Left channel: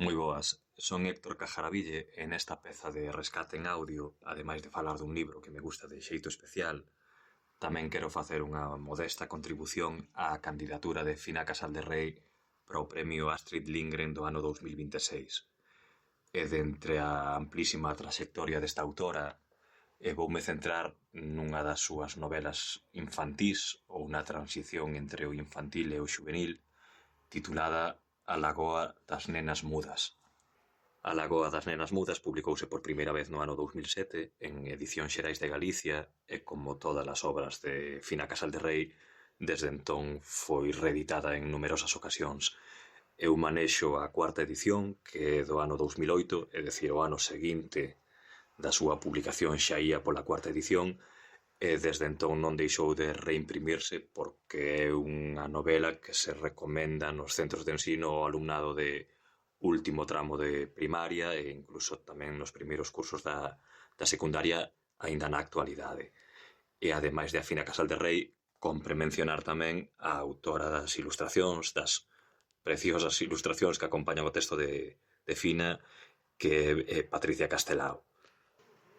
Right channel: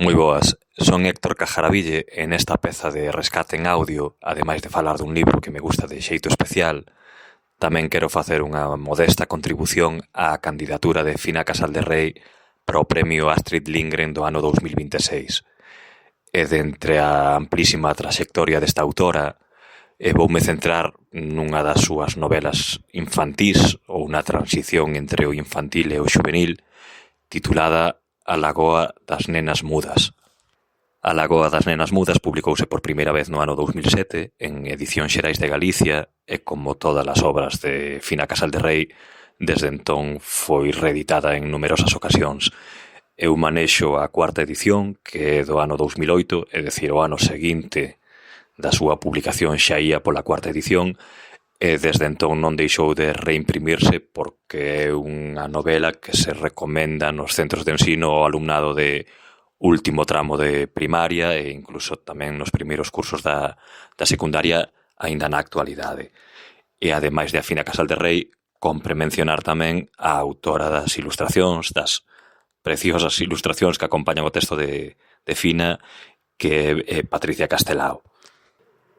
Moi boas, son Héctor Cajaraville e nesta peza de rescate en audio, ademais de falar dun libro que me gusta de xeito especial, tamén quero facer unha modesta contribución á candidatura de Fina Casal de Rei para o Premio Astrid Lindgren do ano 2026. E dentre a amplísima traxectoria desta autora, voume centrar nunha das súas novelas infantís ou na transición entre o infantil e o xuvenil, titulada A Lagoa das Nenas Mudas. A Lagoa das Nenas Mudas publicouse por primeira vez no ano 2007 en Edicións Xerais de Galicia e, como todas as obras de Fina Casal de Rei, desde entón foi reeditada en numerosas ocasións. Eu manexo a cuarta edición, que é do ano 2008, é dicir, o ano seguinte da súa publicación xa ía pola cuarta edición, e desde entón non deixou de reimprimirse porque é unha novela que se recomenda nos centros de ensino ao alumnado de último tramo de primaria e incluso tamén nos primeiros cursos da secundaria aínda na actualidade. E ademais de a Fina Casal de Rei, compre mencionar tamén a autora das ilustracións, das preciosas ilustracións que acompañan o texto de Fina, que é Patricia Castelao.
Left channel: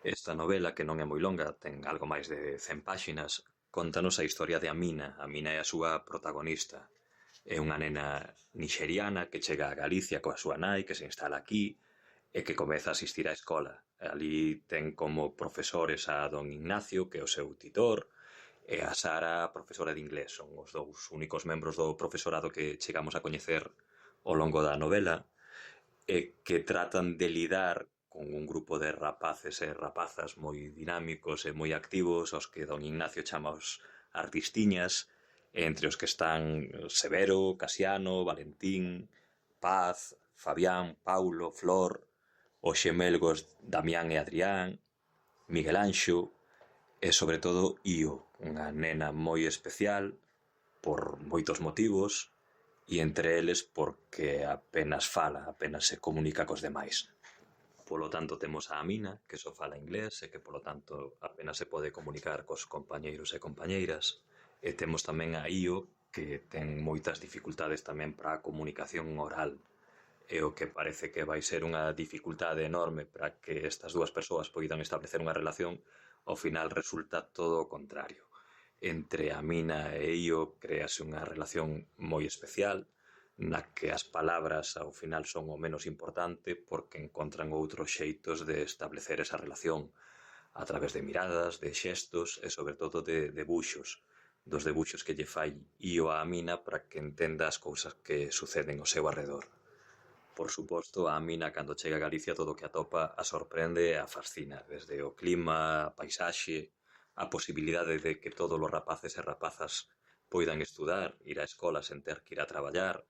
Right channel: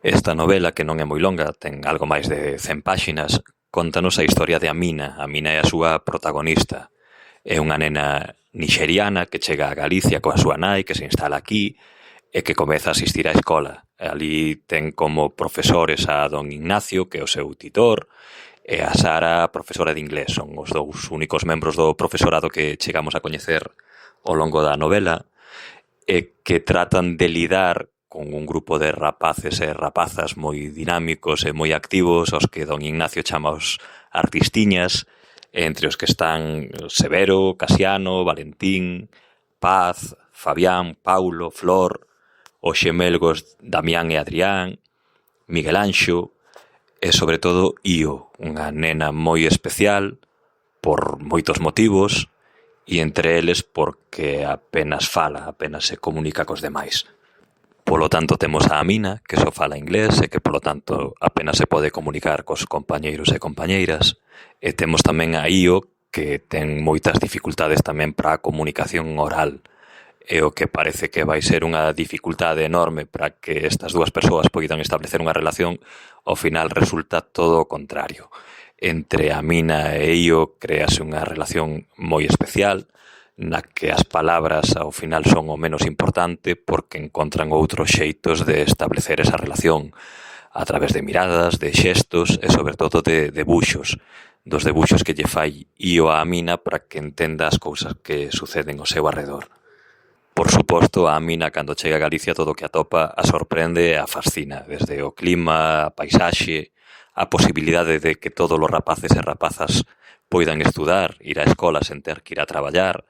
Esta novela, que non é moi longa, ten algo máis de 100 páxinas, contanos a historia de Amina. Amina é a súa protagonista. É unha nena nixeriana que chega a Galicia coa súa nai, que se instala aquí e que comeza a asistir á escola. Ali ten como profesores a don Ignacio, que é o seu titor, e a Sara, profesora de inglés. Son os dous únicos membros do profesorado que chegamos a coñecer ao longo da novela e que tratan de lidar con un grupo de rapaces e rapazas moi dinámicos e moi activos, aos que don Ignacio chama os artistiñas, entre os que están Severo, Casiano, Valentín, Paz, Fabián, Paulo, Flor, os xemelgos Damián e Adrián, Miguel Anxo e, sobre todo, Io, unha nena moi especial por moitos motivos e entre eles porque apenas fala, apenas se comunica cos demais. Polo tanto, temos a Amina, que só fala inglés e que, polo tanto, apenas se pode comunicar cos compañeiros e compañeiras. E temos tamén a Io, que ten moitas dificultades tamén para a comunicación oral. E o que parece que vai ser unha dificultade enorme para que estas dúas persoas poidan establecer unha relación, ao final resulta todo o contrario. Entre Amina e Io créase unha relación moi especial, na que as palabras ao final son o menos importante porque encontran outros xeitos de establecer esa relación a través de miradas, de xestos e sobre todo de debuxos, dos debuxos que lle fai Io a Amina para que entenda as cousas que suceden ao seu arredor. Por suposto, a Amina, cando chega a Galicia, todo o que atopa a sorprende e a fascina, desde o clima, a paisaxe, a posibilidade de que todos os rapaces e rapazas poidan estudar, ir á escola sen ter que ir a traballar,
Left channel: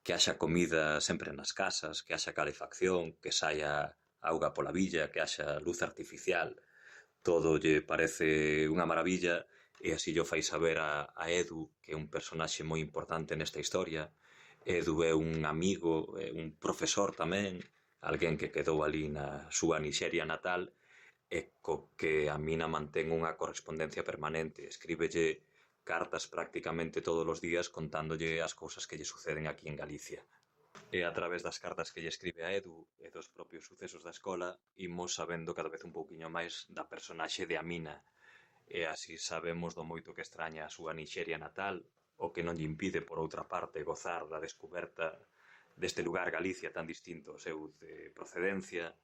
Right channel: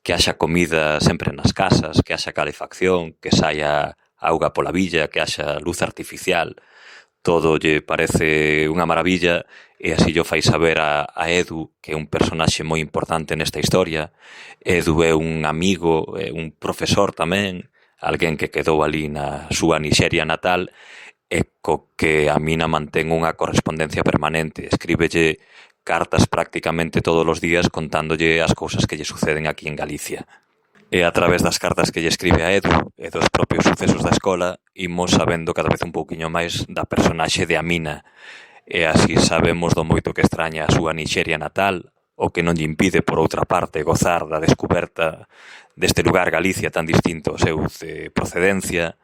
que haxa comida sempre nas casas, que haxa calefacción, que saia auga pola villa, que haxa luz artificial. Todo lle parece unha maravilla e así llo fai saber a Edu, que é un personaxe moi importante nesta historia. Edu é un amigo, é un profesor tamén, alguén que quedou ali na súa Nixeria natal e co que a Mina mantén unha correspondencia permanente. Escríbelle cartas prácticamente todos os días contándolle as cousas que lle suceden aquí en Galicia. E a través das cartas que lle escribe a Edu e dos propios sucesos da escola, imos sabendo cada vez un pouquiño máis da personaxe de Amina. E así sabemos do moito que extraña a súa Nixeria natal, o que non lle impide, por outra parte, gozar da descoberta deste lugar Galicia tan distinto ao seu de procedencia,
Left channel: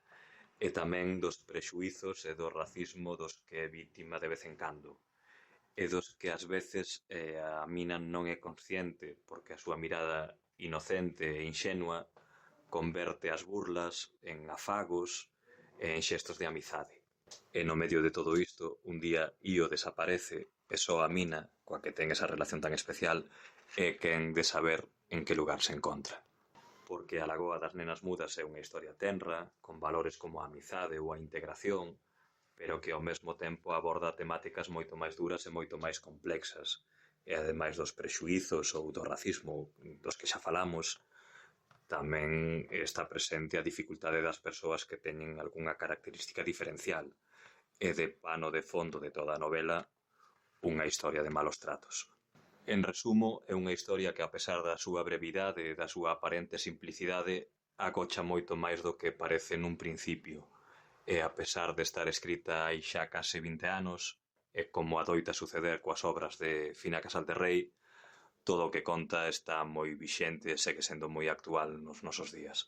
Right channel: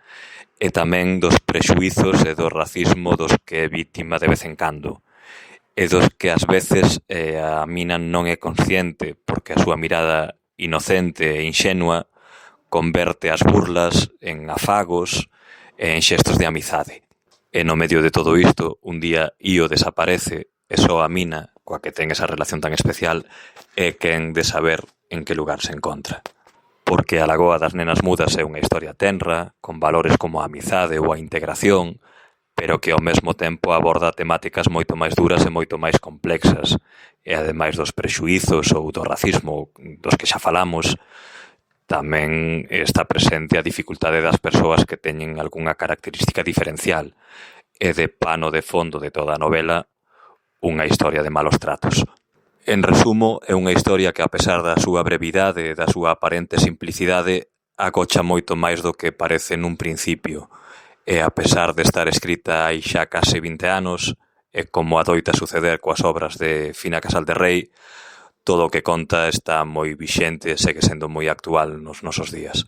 e tamén dos prexuizos e do racismo dos que é vítima de vez en cando, e dos que ás veces a Mina non é consciente porque a súa mirada inocente e inxenua converte as burlas en afagos e en xestos de amizade. E no medio de todo isto, un día Io desaparece e só a Mina, coa que ten esa relación tan especial, é quen de saber en que lugar se encontra. Porque a Lagoa das Nenas Mudas é unha historia tenra, con valores como a amizade ou a integración, pero que ao mesmo tempo aborda temáticas moito máis duras e moito máis complexas. E ademais dos prexuizos ou do racismo dos que xa falamos, tamén está presente a dificultade das persoas que teñen algunha característica diferencial e de pano de fondo de toda a novela unha historia de malos tratos. En resumo, é unha historia que, a pesar da súa brevidade e da súa aparente simplicidade, agocha moito máis do que parece nun principio, e a pesar de estar escrita hai xa case 20 anos, e como adoita suceder coas obras de Fina Casal de Rei, todo o que conta está moi vixente e segue sendo moi actual nos nosos días.